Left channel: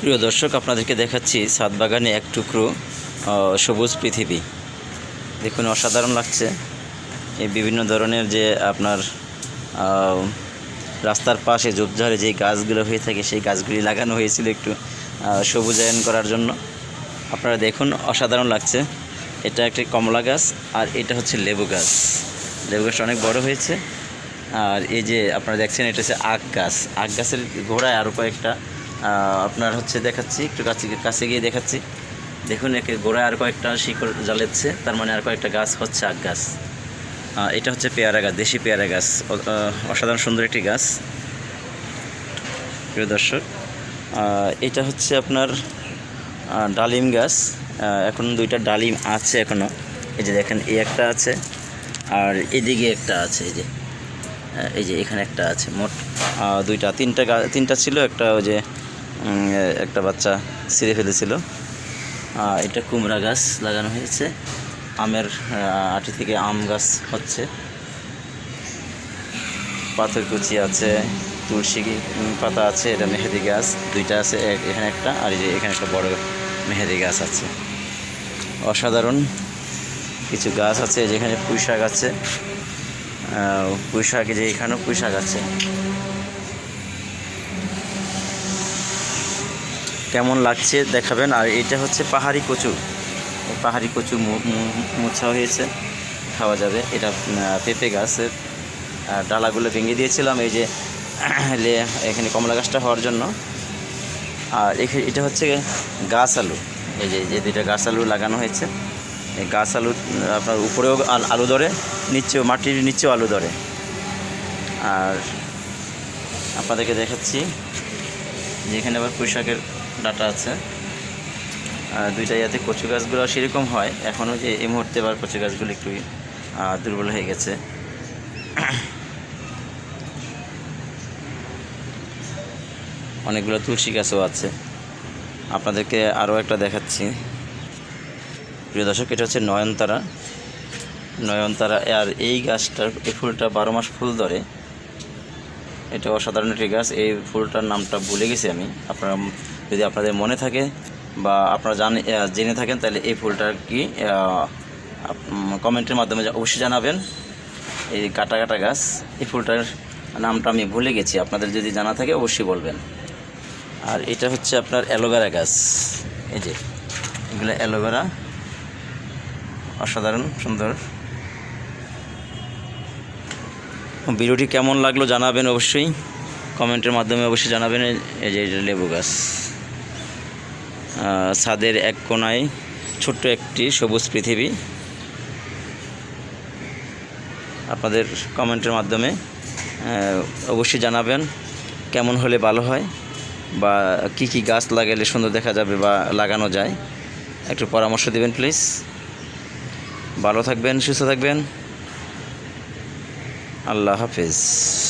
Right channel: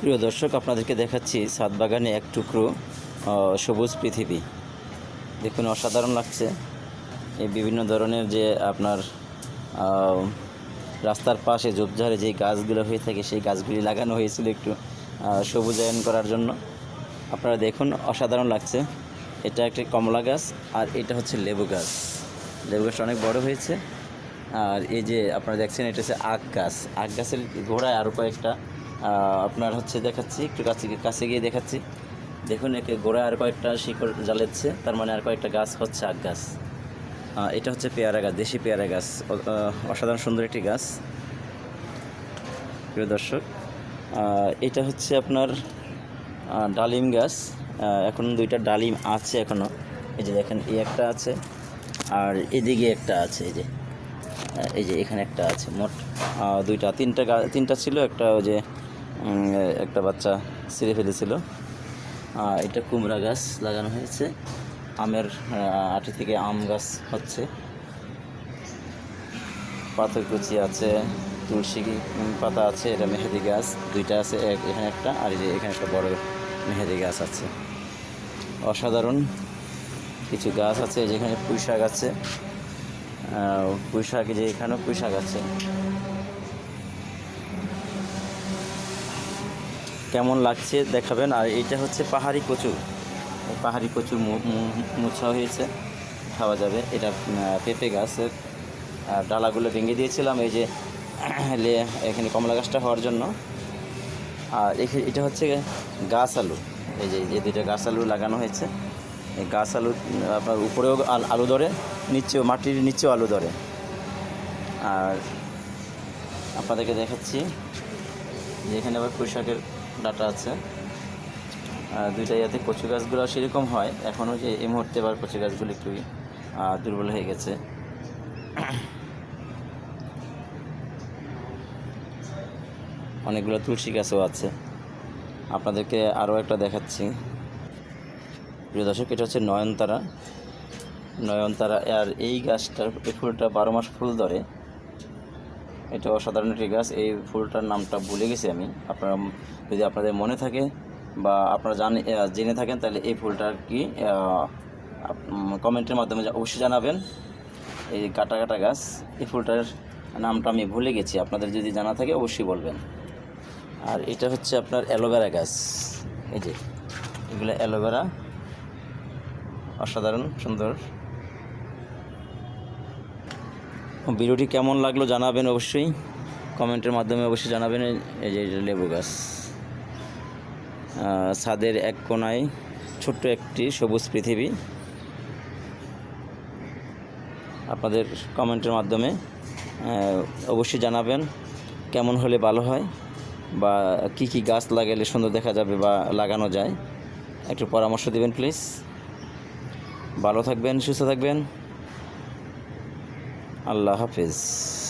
প্রিয় দর্শক, আপনাদেরকে দেখাচ্ছি সাত বাগানে এক টুকরো সবুজ পৃথিবী। দেখুন, অসাধারণ লাগছে। এই বিভিন্ন ধরনের যে আপনার রাস্তার পাশে ঝোপঝাড়ে যে গাছগুলো হয়ে থাকে, সেই গাছগুলি লাগানো হয়েছিল একটু সবুজায়ন করার জন্য। আপনারা দেখুন, অসাধারণ লাগছে। এটা একটি কমলা গাছ আর এটা হচ্ছে লেবু গাছ। লেবু গাছটা অনেক বড় হয়েছে। আর এই যে আপনারা দেখছেন, এটা হচ্ছে আখ গাছ। আখ গাছের গোড়ায় আরও কয়েকটা আপনার হচ্ছে দেখাচ্ছি, একটু কাছে কাছে গিয়ে দেখাচ্ছি। দেখুন, একে গোড়ায় আর কয়েকটা শিকড় জ্বালাচ্ছে তার মানে আর কয়েকটা গাছ হচ্ছে আখ গাছ। এটা হচ্ছে পেয়ারা গাছ, দেশি পেয়ারা গাছ অসাধারণ সুন্দর একটি গাছ। প্রিয় দর্শক এটা হচ্ছে আপনার ডালিম গাছ। এখন দুইটা ডালিম আছে এখনও এই যে দেখেন, এই একটা আছে, আর এদিকে একটা আছে, এই যে। এই যে এখানে একটা আছে, মোট দুইটা, তিনটা তিনটা ছিল, একটা ওই যে একটা বাচ্চা ছিঁড়ে ফেলেছিল। এটা কুমড়া গাছ লাগানো হয়েছে। আমের আটি থেকে আম গাছ হচ্ছে। পাথর কুচি আছে, তুলসী পাতা আছে, এটা মেহেদি গাছ। দুইটা আছে এখানে একটা, আর এই এখানে একটা বড় মেহেদি গাছ আছে। অসাধারণ কিছু গাছ আছে যেখানে পুঁই শাক আছে। পুঁই শাক যে এখানেও পুঁই শাক আছে। কেমন লাগছে দেখাবেন। আর এটা হচ্ছে পাহাড়ি কচু। পাহাড়ি কচু মোছা হয়েছে। খাওয়া যাবে। এটা পেঁপে গাছের ডালাগুলো ভেঙে দিয়েছিলাম। এই যে এখানে কমলা গাছটা হওয়ার জন্য। আর এটা হচ্ছে গাছ আলু। এই যে যে দুইটা গাছ আলু লাগানো হয়েছে। এই গাছ আলু আপনার উপরেও আল- ধরে, নিচেও, মাটির নিচেও আলু ধরে। আর আপনাদেরকে দেখাচ্ছি। যেখানে আবার পুঁইশাকের ডাটা আছে। আর দুইটা ইয়াতে কচু গাছগুলো সেরকম হয়। এখনও যে এই মুহূর্তে আবার কচু গাছগুলো একটু দুর্বল হয়ে গেছে। অনেকগুলো তুলসী গাছও আছে। আপনাদেরকে আরও একটা দেখাচ্ছি। প্রিয় দর্শক, এটা হচ্ছে নয়নতারা। নয়নতারা, আর এই গাছটার, এই ফুলটা বারো মাস ফুল ধরে। এটা অসাধারণ একটি গাছ এই ফুলটার নামটা ভুলে গেছি আমি। আপনারা যদি আপনাদের মনে থাকে বা আপনারা জানে জেনে থাকেন, তাহলে এই ফুলটার কি কমেন্টের মাধ্যমে অবশ্যই জানাবেন। এই কাটা কাটা গাছ, এই ফুলটার নামটা আমি ভুলে গেছি। আপনাদের যদি জানা থাকে, অবশ্যই বলবেন। আর এটা হচ্ছে আপনার অ্যালোভেরা গাছ। এই যে এগুলো অ্যালোভেরা, অসাধারণ, সুন্দর। ভিডিওটি কেমন লাগল জানাবেন অবশ্যই। কমেন্টের মাধ্যমে অবশ্যই জানাবেন এই যে এটা লেবু গাছ। ছাদের এক কোনায় ছোট্ট একটি সবুজ পৃথিবী। আপনাদের কমেন্টের মাধ্যমে অবশ্যই জানাবেন কেমন হলে ভালো হয় বা কি কি গাছ লাগালে সুন্দর দেখা যাবে বা লাগানো যায়। একটু পরামর্শ দিবেন, প্লিজ। ভালো থাকবেন, সুস্থ থাকবেন। আল্লাহ হাফিজ।